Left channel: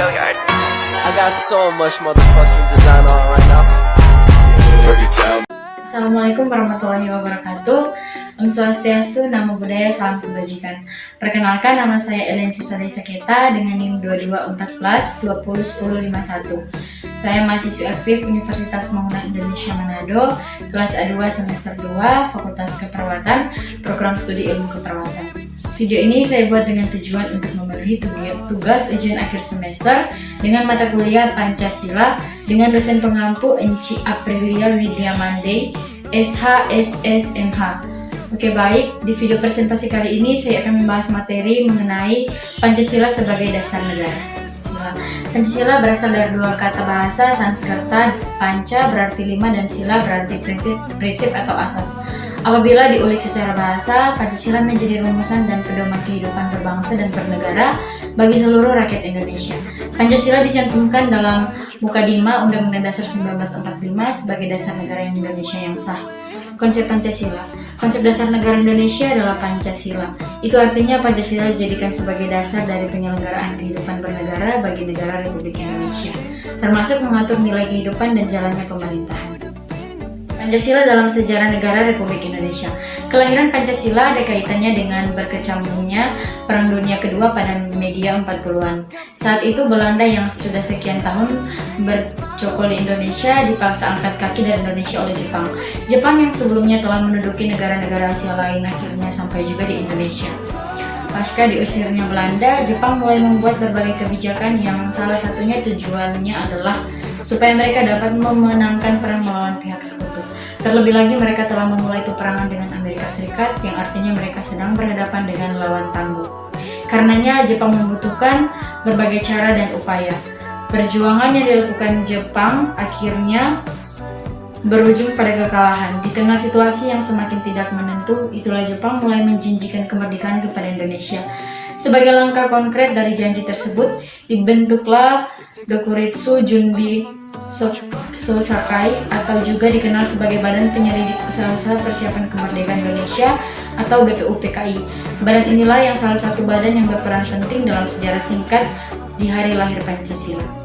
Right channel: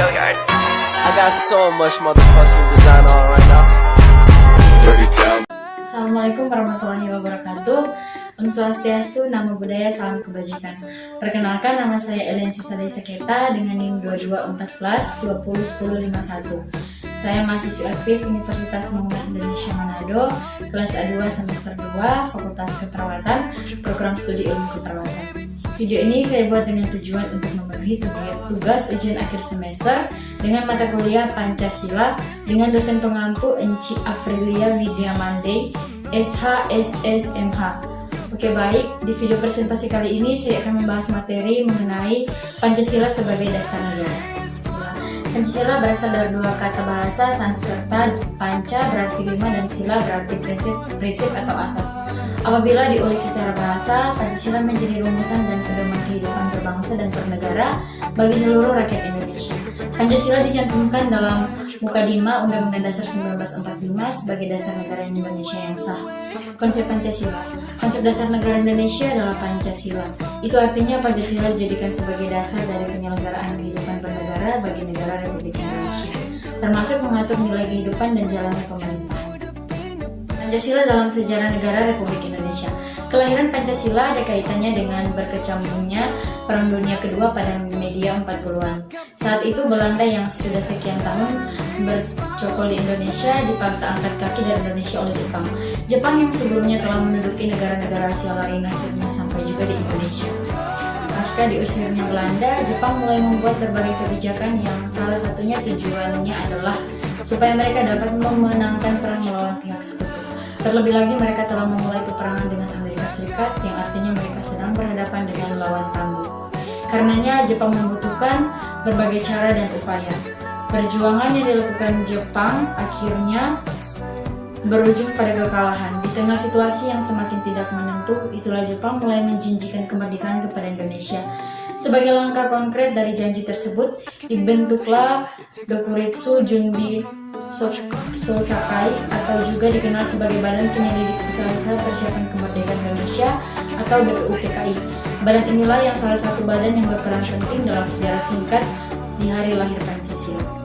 I got so much motherfucking design on right now. Assalamualaikum warahmatullahi wabarakatuh. Om Swastiastu, Namo Buddhaya, Salam Kebajikan. Perkenalkan, nama saya Ellen Cisari Saketa dengan NIM 2214201051. Saya mahasiswi aktif Universitas Pembangunan Indonesia Manado, kelas A2 semester 2, Fakultas Keperawatan, Program Studi Ilmu Keperawatan. Video ini saya buat dengan tujuan untuk memenuhi tugas ujian akhir semester dengan mata kuliah Pancasila dengan dosen pengampu Enci Aprilia Widya Mandey, SH, SS, MH. Oke, baik, di video presentasi kali ini saya akan membahas materi mengenai Pancasila sebagai dasar negara. Pancasila berasal dari dua kata bahasa Sanskerta, panca berarti lima dan sila berarti prinsip atau asas. Apabila diulik secara bahasa, Pancasila menjadi rumusan dan pedoman kehidupan berbangsa dan bernegara bagi seluruh rakyat Indonesia. Pancasila dicantumkan dalam Mukadimah Undang-Undang Dasar 1945 sebagai dasar negara Indonesia yang sah. Konsep Pancasila. Konsep dasar negara Indonesia adalah Pancasila. Itu artinya Pancasila dijadikan sebagai dasar dari penyelenggaraan kehidupan bernegara bagi negara Republik Indonesia, termasuk mengatur nilai kehidupan dan jalannya pemerintahan. Pancasila dalam sejarah negara Republik Indonesia. Kelahiran Pancasila ada kaitannya dengan berkecamuknya Perang Dunia Kedua pada media 40-an. Saat itu Belanda yang sudah sekian tahun bercokol di Indonesia dipaksa angkat kaki dari Indonesia oleh Jepang. Jepang yang sebelumnya telah menduduki negara-negara Asia lain akhirnya sampai juga di Indonesia. Pasca diusirnya Belanda, Jepang mulai membuat berbagai kebijakan yang salah satunya tujuannya adalah supaya mereka dapat memenangkan perang melawan pihak sekutu. Terlebih lagi mereka telah memulai peperangan dengan Amerika Serikat yang artinya mereka sedang berhadapan dengan lawan tangguh. Karenanya Jepang membutuhkan berbagai cara dan upaya. Perjuangan yang dilakukan Jepang akhirnya berujung pada kekalahan. Di tengah situasi yang semakin tidak menentu, itulah Jepang mulai menjanjikan kemerdekaan kepada Indonesia. Sebagai langkah konkret dari janji tersebut, dibentuklah Dokuretsu Junbi Sosakai atau juga dikenal sebagai Badan Penyelidik Usaha-Usaha Persiapan Kemerdekaan Indonesia atau BPUPKI. Badan inilah yang salah satu badan yang berperan penting dalam sejarah singkat di hari lahir Pancasila.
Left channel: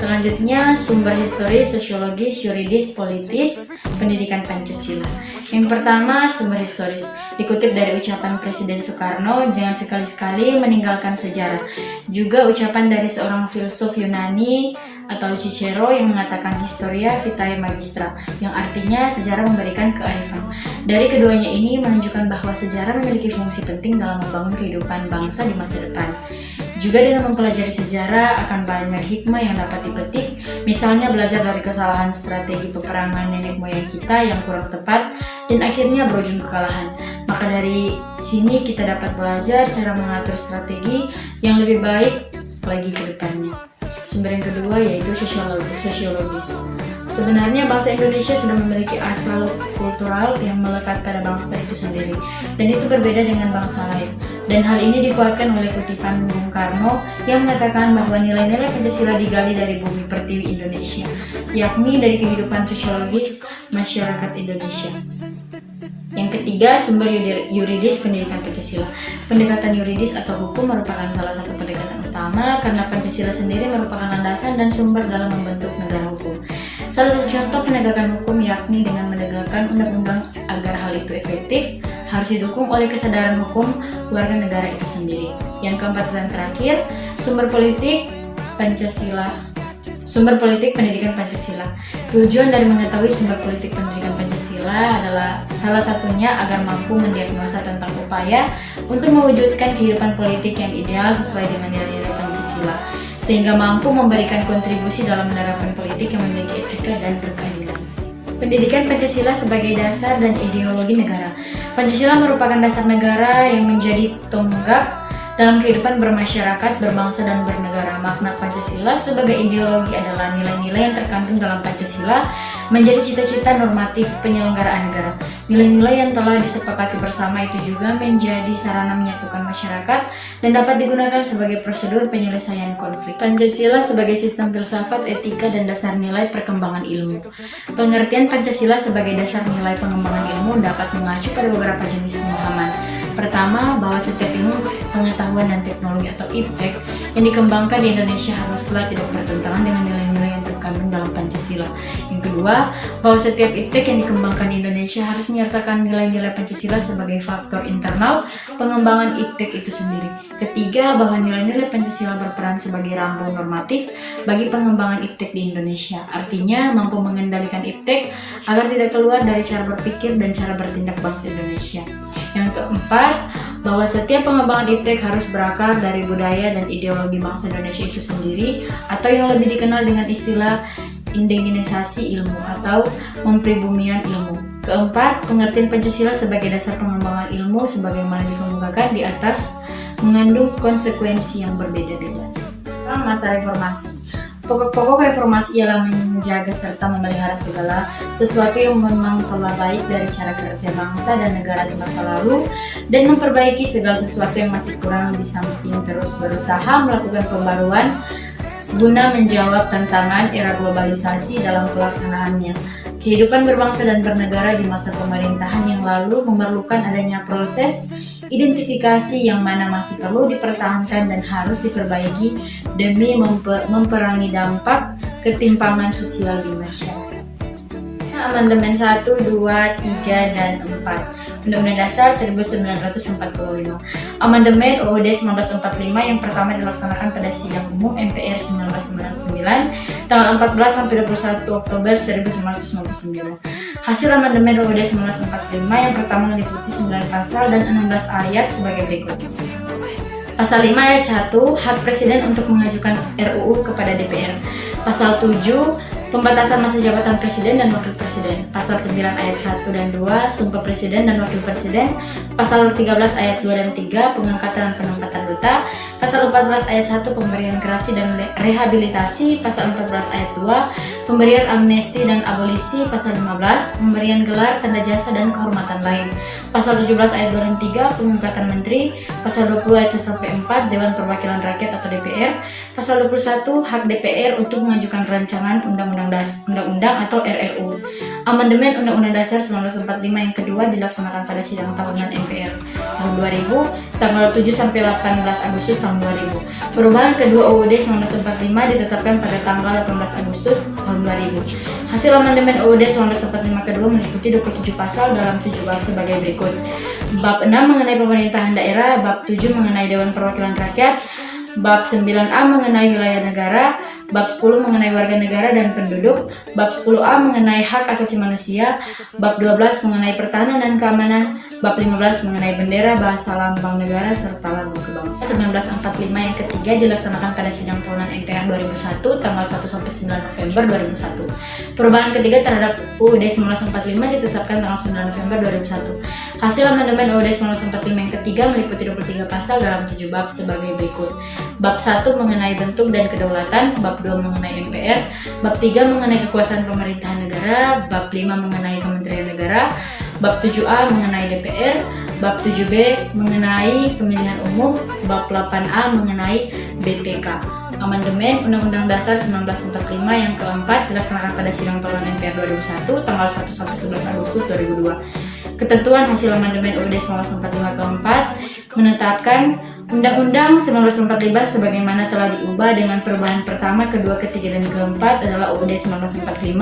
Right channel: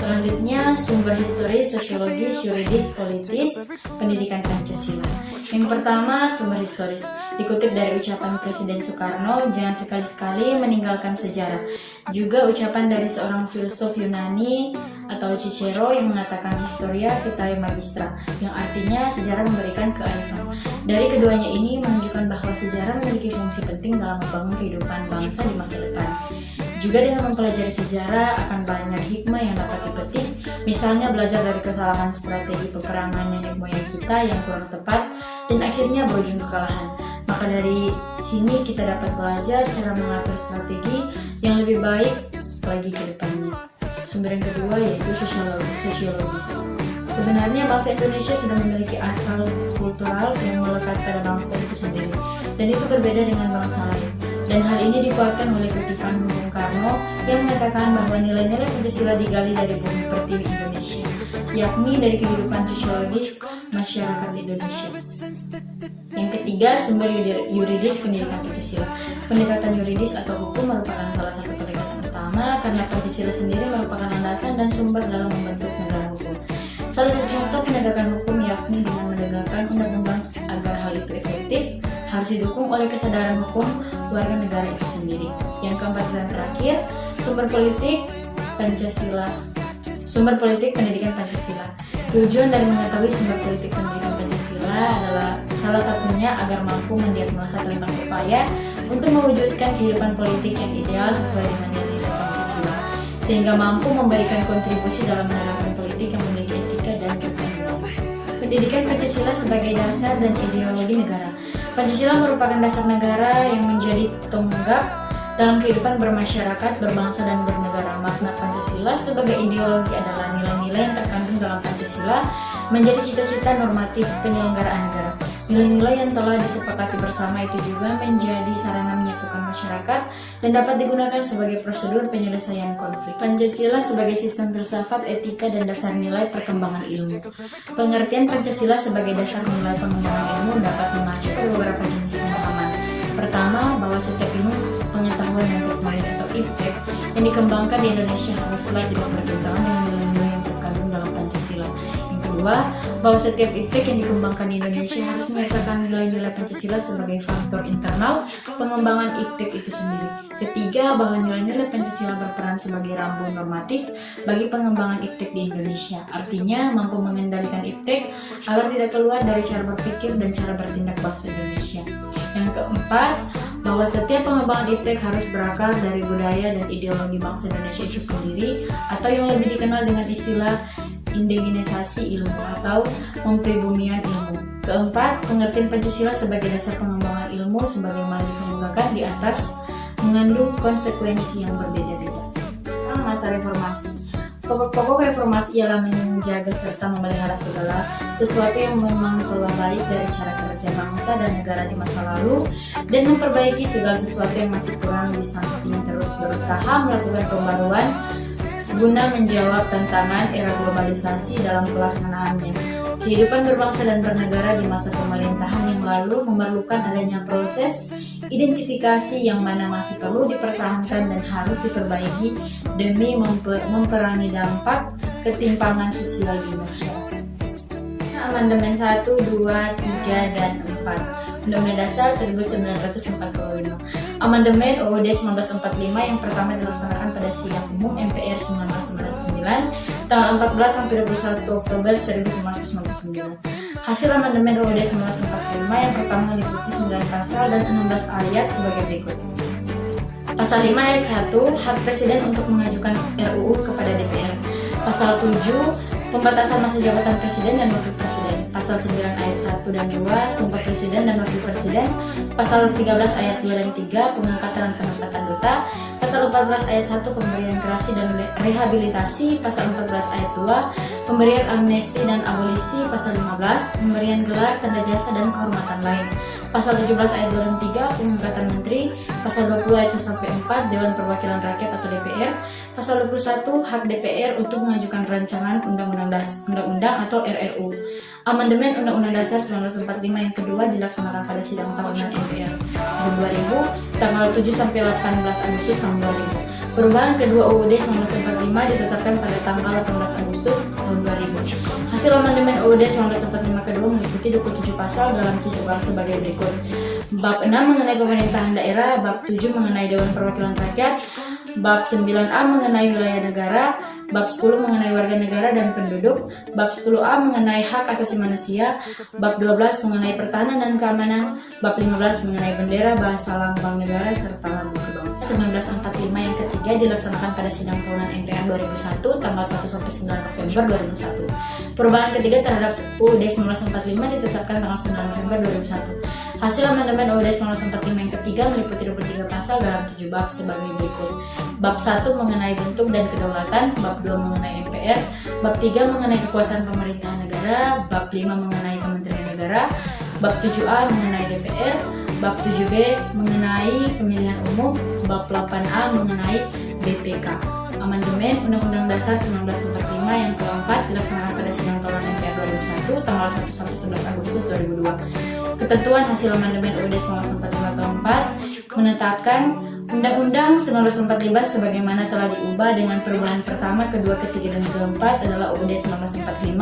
Selanjutnya, sumber historis, sosiologis, yuridis, politis, pendidikan Pancasila. Yang pertama, sumber historis. Dikutip dari ucapan Presiden Soekarno, jangan sekali-sekali meninggalkan sejarah. Juga ucapan dari seorang filsuf Yunani atau Cicero yang mengatakan historia vitae magistra, yang artinya sejarah memberikan kearifan. Dari keduanya ini menunjukkan bahwa sejarah memiliki fungsi penting dalam membangun kehidupan bangsa di masa depan. Juga dengan mempelajari sejarah akan banyak hikmah yang dapat dipetik, misalnya belajar dari kesalahan strategi peperangan nenek moyang kita yang kurang tepat dan akhirnya berujung kekalahan. Maka dari sini kita dapat belajar cara mengatur strategi yang lebih baik bagi ke depannya. Sumber yang kedua yaitu sosiologis. Sebenarnya bangsa Indonesia sudah memiliki asal kultural yang melekat pada bangsa itu sendiri, dan itu berbeda dengan bangsa lain. Dan hal ini dikuatkan oleh kutipan Bung Karno yang mengatakan bahwa nilai-nilai Pancasila digali dari bumi pertiwi Indonesia, yakni dari kehidupan sosiologis masyarakat Indonesia. Yang ketiga, sumber yuridis pendidikan Pancasila. Pendekatan yuridis atau hukum merupakan salah satu pendekatan utama karena Pancasila sendiri merupakan landasan dan sumber dalam membentuk negara hukum. Salah satu contoh penegakan hukum yakni dengan menegakkan undang-undang agar hal itu efektif harus didukung oleh kesadaran hukum warga negara itu sendiri. Yang keempat dan terakhir, sumber politik Pancasila. Sumber politik pendidikan Pancasila. Tujuan dari mengetahui sumber politik pendidikan Pancasila adalah salah satunya agar mampu mendiagnosa tentang upaya untuk mewujudkan kehidupan politik yang ideal sesuai dengan nilai-nilai Pancasila, sehingga mampu memberikan kontribusi dalam menerapkan politik yang memiliki etika dan keadilan. Pendidikan Pancasila sebagai dasar dan ideologi negara. Pancasila merupakan dasar negara yang menjadi tonggak dalam kehidupan bermasyarakat, berbangsa, dan bernegara. Makna Pancasila sebagai ideologi adalah nilai-nilai yang terkandung dalam Pancasila menjadi cita-cita normatif penyelenggaraan negara. Nilai-nilai yang telah disepakati bersama itu juga menjadi sarana menyatukan masyarakat dan dapat digunakan sebagai prosedur penyelesaian konflik. Pancasila sebagai sistem filsafat, etika, dan dasar nilai perkembangan ilmu. Pengertian Pancasila sebagai dasar nilai pengembangan ilmu dapat mengacu pada beberapa jenis pemahaman. Pertama, bahwa setiap ilmu pengetahuan dan teknologi atau IPTEK yang dikembangkan mengembangkan di Indonesia haruslah tidak bertentangan dengan nilai-nilai yang terkandung dalam Pancasila. Yang kedua, bahwa setiap iptek yang dikembangkan di Indonesia harus menyertakan nilai-nilai Pancasila sebagai faktor internal pengembangan iptek itu sendiri. Ketiga, bahwa nilai-nilai Pancasila berperan sebagai rambu normatif bagi pengembangan iptek di Indonesia. Artinya, mampu mengendalikan iptek agar tidak keluar dari cara berpikir dan cara bertindak bangsa Indonesia. Yang keempat, bahwa setiap pengembangan iptek harus berakar dari budaya dan ideologi bangsa Indonesia itu sendiri, atau yang lebih dikenal dengan istilah indigenisasi ilmu atau mempribumian ilmu. Keempat, pengertian Pancasila sebagai dasar pengembangan ilmu sebagaimana dikemukakan di atas mengandung konsekuensi yang berbeda-beda. Masa reformasi. Pokok-pokok reformasi ialah menjaga serta memelihara segala sesuatu yang memang pola baik dari cara kerja bangsa dan negara di masa lalu, dan memperbaiki segala sesuatu yang masih kurang di samping terus berusaha melakukan pembaruan guna menjawab tantangan era globalisasi dalam pelaksanaannya. Kehidupan berbangsa dan bernegara di masa pemerintahan yang lalu memerlukan adanya proses identifikasi yang mana masih perlu dipertahankan dan harus diperbaiki demi memperangi dampak ketimpangan sosial di masyarakat. Amandemen 1, 2, 3, dan 4 Undang-Undang Dasar 1945. Amandemen UUD 1945 yang pertama dilaksanakan pada sidang umum MPR 1999 tanggal 14 sampai 21 Oktober 1999. Hasil amandemen UUD 1945 yang pertama meliputi 9 pasal dan 16 ayat sebagai berikut. Pasal 5 ayat 1, hak presiden untuk mengajukan RUU kepada DPR. Pasal 7, pembatasan masa jabatan presiden dan wakil presiden. Pasal 9 ayat 1 dan 2, sumpah presiden dan wakil presiden. Pasal 13 ayat 2 dan 3, pengangkatan dan penempatan duta. Pasal 14 ayat 1, pemberian gerasi dan rehabilitasi. Pasal 14 ayat 2, pemberian amnesti dan abolisi. Pasal 15, pemberian gelar, tanda jasa dan kehormatan lain. Pasal 17 ayat 2 dan 3, pengangkatan menteri. Pasal 20 ayat 1 sampai 4, Dewan Perwakilan Rakyat atau DPR. Pasal 21, hak DPR untuk mengajukan rancangan undang-undang atau RRU. Amandemen Undang-Undang Dasar 1945 yang kedua dilaksanakan pada sidang tahunan MPR tahun 2000, tanggal 7 sampai 18 Agustus tahun 2000. Perubahan kedua UUD 1945 ditetapkan pada tanggal 18 Agustus tahun 2000. Hasil amandemen UUD 1945 kedua meliputi 27 pasal dalam 7 bab sebagai berikut. Bab 6 mengenai pemerintahan daerah, bab 7 mengenai Dewan Perwakilan Rakyat, bab 9A mengenai wilayah negara, bab 10 mengenai warga negara dan penduduk, bab 10A mengenai hak asasi manusia, bab 12 mengenai pertahanan dan keamanan, bab 15 mengenai bendera, bahasa lambang negara, serta lagu kebangsaan. 1945 yang ketiga dilaksanakan pada sidang tahunan MPR 2001 tanggal 1 sampai 9 November 2001. Perubahan ketiga terhadap UUD 1945 ditetapkan tanggal 9 November 2001. Hasil amandemen UUD 1945 yang ketiga meliputi 23 pasal dalam 7 bab sebagai berikut. Bab 1 mengenai bentuk dan kedaulatan, bab 2 mengenai MPR, bab 3 mengenai kekuasaan pemerintahan negara, bab 5 mengenai Kementerian Negara, bab 7A mengenai DPR, bab 7B mengenai pemilihan umum, bab 8A mengenai BPK. Amandemen Undang-Undang Dasar 1945 yang keempat dilaksanakan pada sidang tahunan MPR 2001 tanggal 1 sampai 11 Agustus 2002. Ketentuan hasil amandemen UUD 1945 keempat menetapkan Undang-Undang 1945 sebagaimana telah diubah dengan perubahan pertama, kedua, ketiga, dan keempat adalah UUD 1945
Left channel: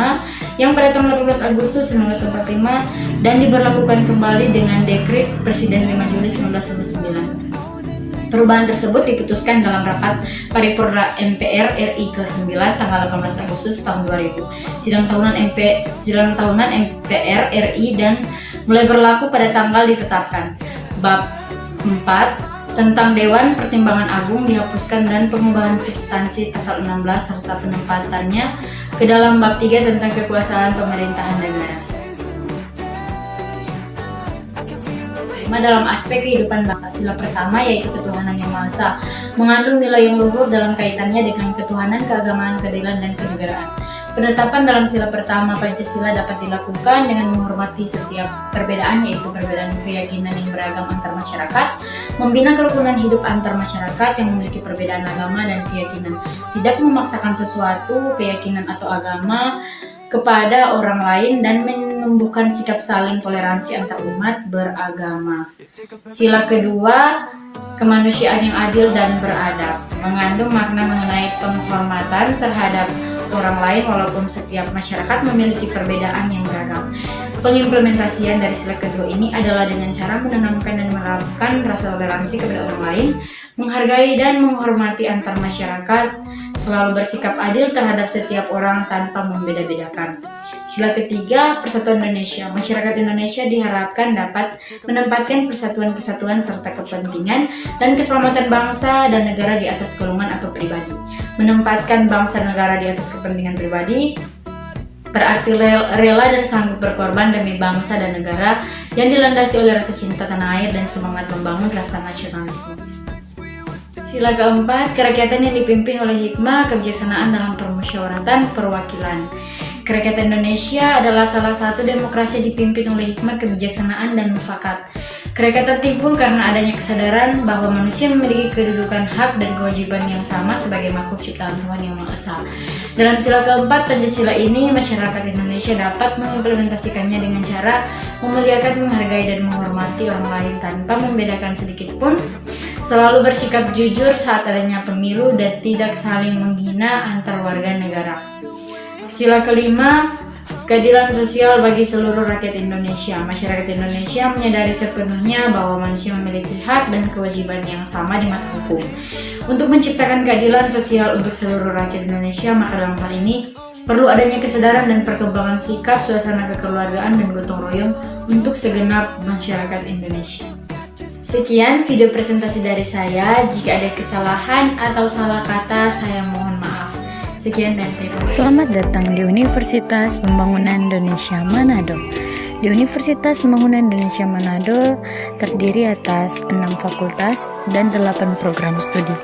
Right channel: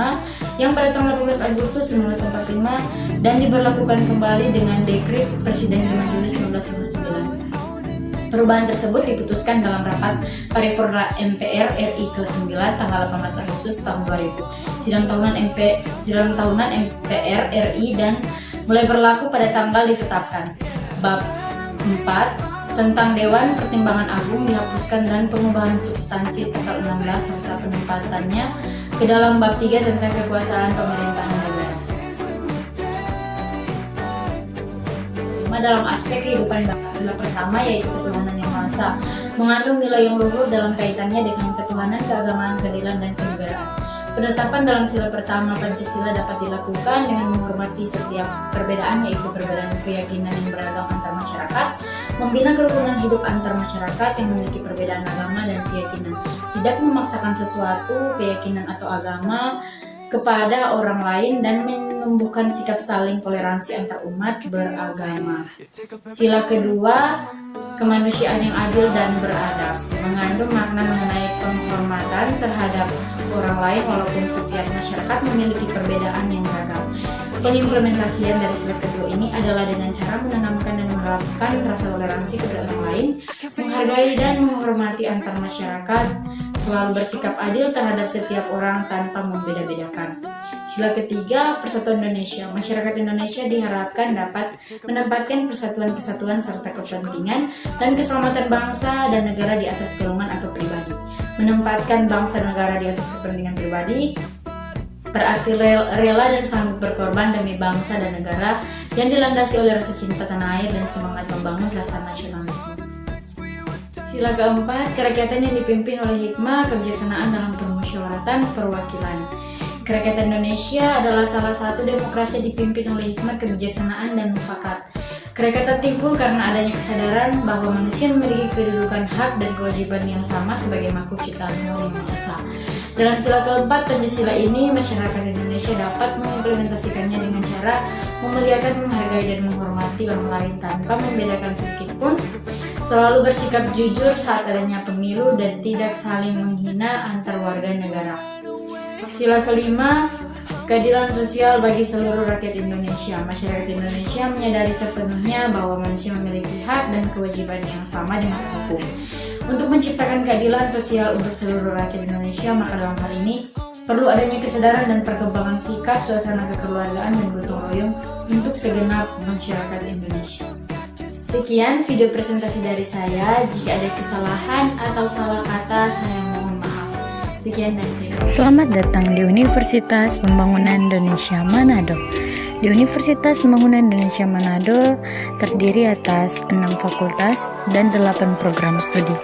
yang pada tanggal 12 Agustus 1945 dan diberlakukan kembali dengan Dekret Presiden 5 Juli 1999. Perubahan tersebut diputuskan dalam rapat paripurna MPR RI ke-9 tanggal 18 Agustus tahun 2000. Sidang tahunan MPR RI dan mulai berlaku pada tanggal ditetapkan. Bab 4 tentang Dewan Pertimbangan Agung dihapuskan dan pengubahan substansi pasal 16 serta penempatannya ke dalam bab 3 tentang kekuasaan pemerintahan negara. Tema dalam aspek kehidupan bangsa. Sila pertama yaitu ketuhanan yang Maha Esa, mengandung nilai yang luhur dalam kaitannya dengan ketuhanan, keagamaan, keadilan, dan kenegaraan. Penetapan dalam sila pertama Pancasila dapat dilakukan dengan menghormati setiap perbedaan, yaitu perbedaan keyakinan yang beragam antar masyarakat, membina kerukunan hidup antar masyarakat yang memiliki perbedaan agama dan keyakinan, tidak memaksakan sesuatu, keyakinan atau agama kepada orang lain, dan menumbuhkan sikap saling toleransi antar umat beragama. Sila kedua, kemanusiaan yang adil dan beradab. mengandung makna mengenai penghormatan terhadap orang lain walaupun setiap masyarakat memiliki perbedaan yang beragam. Pengimplementasian dari sila kedua ini adalah dengan cara menanamkan dan menerapkan rasa toleransi kepada orang lain, menghargai dan menghormati antar masyarakat, selalu bersikap adil terhadap setiap orang tanpa membeda-bedakan. Sila ketiga, Persatuan Indonesia. Masyarakat Indonesia diharapkan dapat menempatkan persatuan-kesatuan serta kepentingan dan keselamatan bangsa dan negara di atas golongan atau pribadi. Menempatkan bangsa dan negara di atas kepentingan pribadi berarti rela dan sanggup berkorban demi bangsa dan negara yang dilandasi oleh rasa cinta tanah air dan semangat membangun rasa nasionalisme. Sila keempat, kerakyatan yang dipimpin oleh hikmah, kebijaksanaan dalam permusyawaratan perwakilan. Kerakyatan Indonesia adalah salah satu demokrasi dipimpin oleh hikmat, kebijaksanaan, dan mufakat. Kerakyatan timbul karena adanya kesadaran bahwa manusia memiliki kedudukan hak dan kewajiban yang sama sebagai makhluk ciptaan Tuhan Yang Maha Esa. Dalam sila keempat, Pancasila ini, masyarakat Indonesia dapat mengimplementasikannya dengan cara memuliakan, menghargai, dan menghormati orang lain tanpa membedakan sedikit pun, selalu bersikap jujur saat adanya pemilu, dan tidak saling menghina antar warga negara. Sila kelima, keadilan sosial bagi seluruh rakyat Indonesia. Masyarakat Indonesia menyadari sepenuhnya bahwa manusia memiliki hak dan kewajiban yang sama di mata hukum. Untuk menciptakan keadilan sosial untuk seluruh rakyat Indonesia, maka dalam hal ini perlu adanya kesadaran dan perkembangan sikap, suasana kekeluargaan, dan gotong royong untuk segenap masyarakat Indonesia. Sekian video presentasi dari saya. Jika ada kesalahan atau salah kata, saya mohon maaf. Sekian dan terima kasih. Selamat datang di Universitas Pembangunan Indonesia Manado. Di Universitas Pembangunan Indonesia Manado terdiri atas 6 fakultas dan 8 program studi.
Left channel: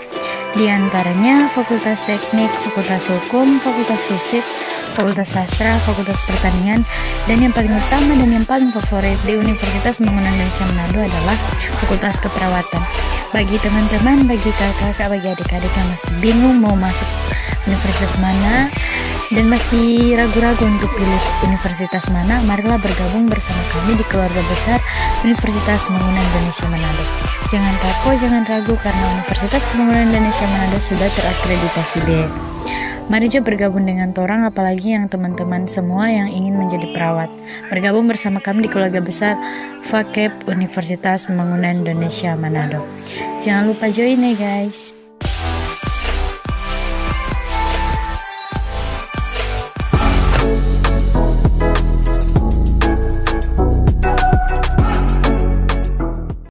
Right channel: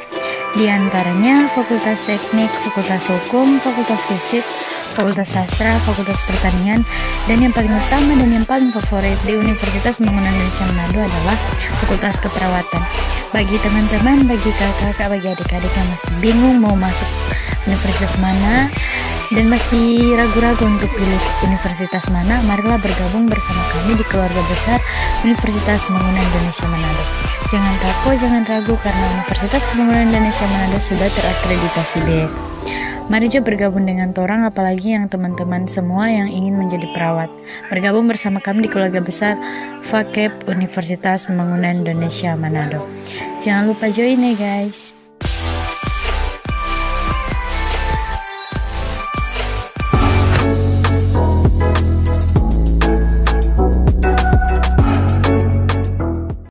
Di antaranya Fakultas Teknik, Fakultas Hukum, Fakultas Fisik, Fakultas Sastra, Fakultas Pertanian, dan yang paling utama dan yang paling favorit di Universitas Pembangunan Indonesia Manado adalah Fakultas Keperawatan. Bagi teman-teman, bagi kakak-kakak, bagi adik-adik yang masih bingung mau masuk universitas mana dan masih ragu-ragu untuk pilih universitas mana, marilah bergabung bersama kami di keluarga besar Universitas Pembangunan Indonesia Manado. Jangan takut, jangan ragu karena Universitas Pembangunan Indonesia Manado sudah terakreditasi B. Mari juga bergabung dengan Torang, apalagi yang teman-teman semua yang ingin menjadi perawat. Bergabung bersama kami di keluarga besar FAKEP Universitas Pembangunan Indonesia Manado. Jangan lupa join ya guys.